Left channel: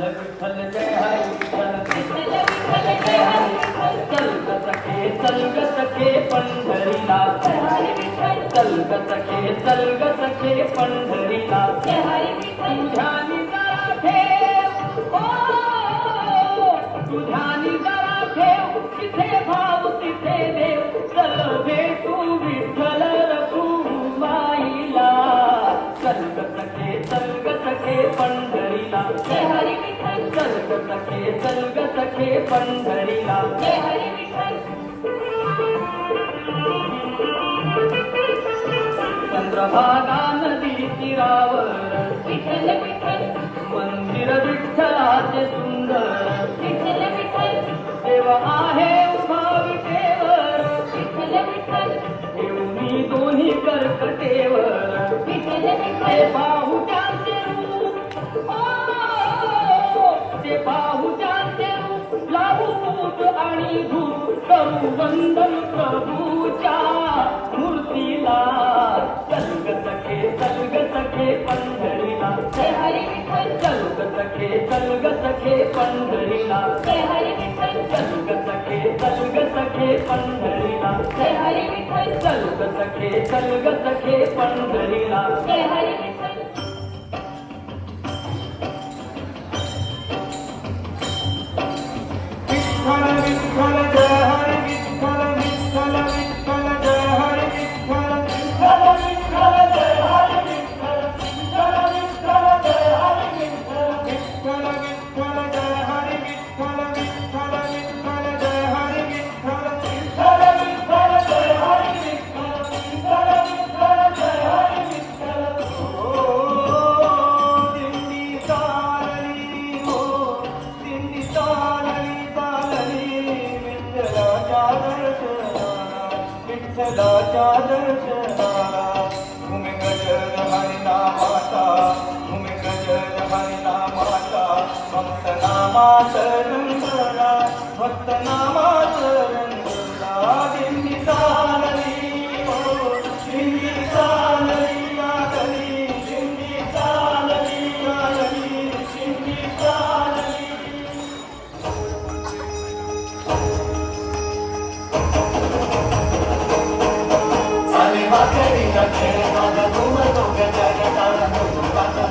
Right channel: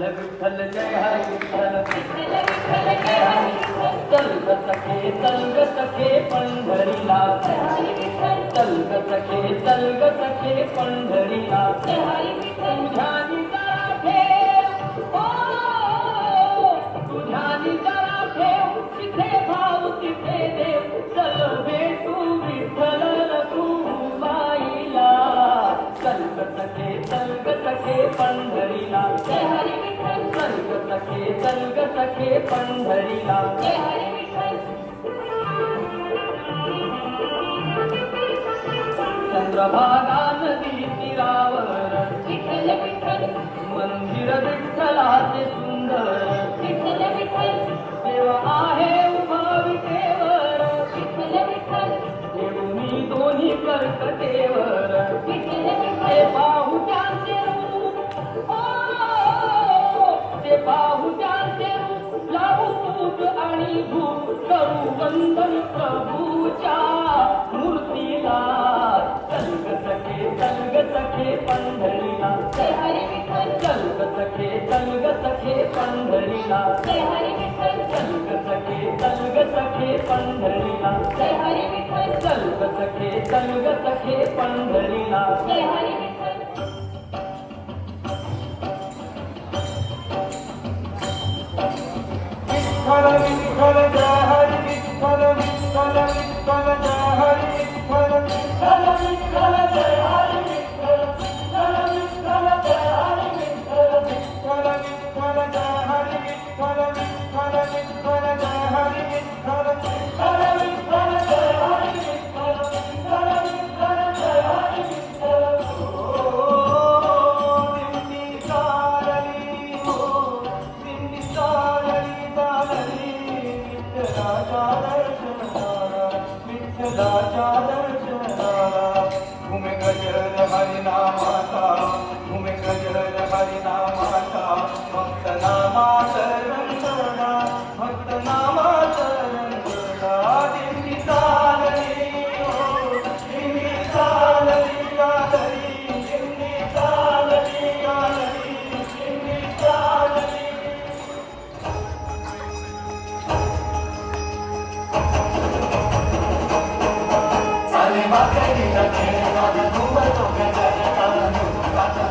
विठ्ठल जय हरी विठ्ठल चल ग सखे पंढरीला चल ग सखे पंढरीला तुझ्यानी जरा ठेव तुझ्यानी जरा ठेव तिथे भाऊ तिथे देव चल भेटू विठ्ठल रखुमाईला चल ग सखे पंढरीला जय हरी विठ्ठल चल ग सखे पंढरीला जय हरी विठ्ठल चंद्रभागा नदी तीरावर विठ्ठल विठ्ठल मंदिर विठ्ठलाचे सुंदर विठ्ठल विठ्ठल देव आहे उभा विटेवर विठ्ठल विठ्ठल देवनी दोन्ही कर्कटेवर विठ्ठल विठ्ठल बाहुट्यांचे रूप ते बाहुट्यांचे रूप लाभू पूज आणि धूप करू वंदन प्रभूच्या मूर्तीला चल ग सखे पंढरीला जय हरी विठ्ठल चल ग सखे पंढरीला जय हरी विठ्ठल चल ग सखे पंढरीला जय हरी विठ्ठल चल ग सखे पंढरीला जय हरी विठ्ठल विठ्ठल विठ्ठल जय हरी विठ्ठल विठ्ठल विठ्ठल जय हरी विठ्ठल विठ्ठल विठ्ठल जय हरी विठ्ठल विठ्ठल विठ्ठल जय हरी विठ्ठल विठ्ठल विठ्ठल जय हरी विठ्ठल विठ्ठल विठ्ठल जय हरी विठ्ठल विठ्ठल विठ्ठल जय हरी विठ्ठल विठ्ठल विठ्ठल जय हरी विठ्ठल दिंडी चालली हो दिंडी चालली चालली विठ्ठलाच्या दर्शनाला विठ्ठलाच्या दर्शनाला भूमी गजर हरिनामाचा भूमी गजर हरिनामाचा भक्त नामाचा रंगला भक्त नामाचा रंगला दिंडी चालली हो दिंडी चालली चालली दिंडी चालली चालली दिंडी चालली सारी वाकडी रखे माझे मोर तो गजारी काला मुलाचा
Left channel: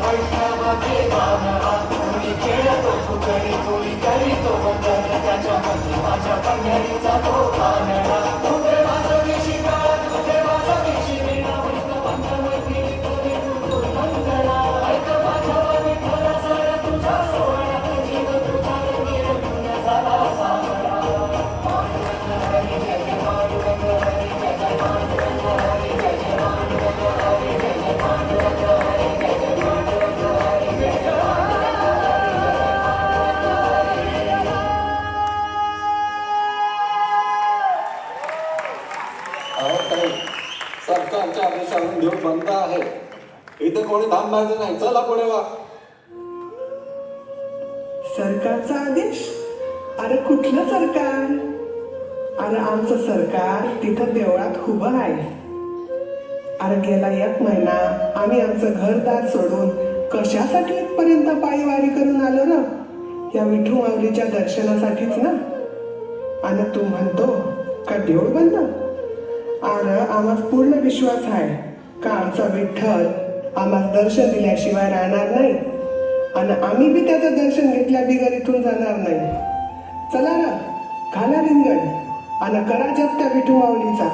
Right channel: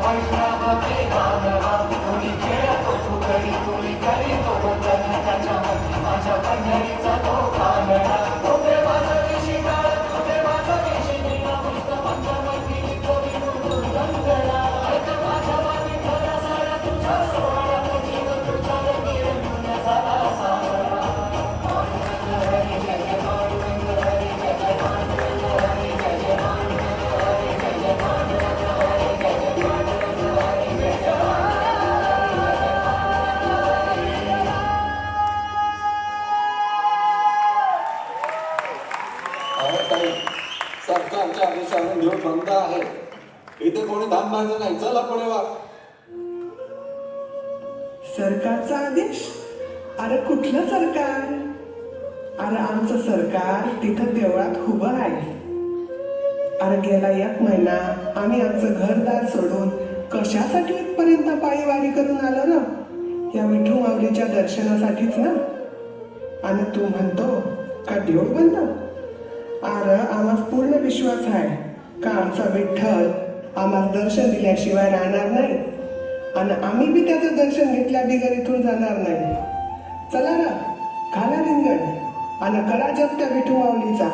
बघे मानरा तुम्ही खेळतो सुकडी तुरी करी तो जन त्याच्या मधी माझ्या पंढरीचा तो कानडा तुझे वासवीशी काळ तुझे वासवीशी वीणा भक्त पंचवटी कवी तुझो कंगणा ऐक माझ्या विठ्ठला सारा तुझा सोहळा जीव तुझा गिरवून झाला सारा हरी जय पांडुरंग हरी जय पांडुरंग हरी जय पांडुरंग हरी जय पांडुरंग हरी जय पांडुरंग हरी जय काही सरकारच्या आदेशाने देव बंद आहे. इथे कोणी धान बांधलं नाही. चला पुढे वा. सरकारचा आदेश? अरे कुठलं सरकार? अरे आमचं सरकार तिथं देवळात उभं आहे. अरे गेला 1 महिना आम्ही आमचं घरदार सोडून कशासाठी इथपर्यंत पायीवारी करून आलो ना? या विठू माऊलीच्या दर्शनासाठीच ना. आणि तू म्हणतो का देऊळ बंद? अरे आम्हाला पूर्ण विश्वास आहे का आमचा विठ्ठल आम्हाला दर्शन दिल्याशिवाय राहणार नाही आणि आम्ही बी त्याचं दर्शन घेतल्या बिगर इथून जाणार नाही. चला ना, घाला रिंगण आणि करा जप त्या विठू माऊलीचा.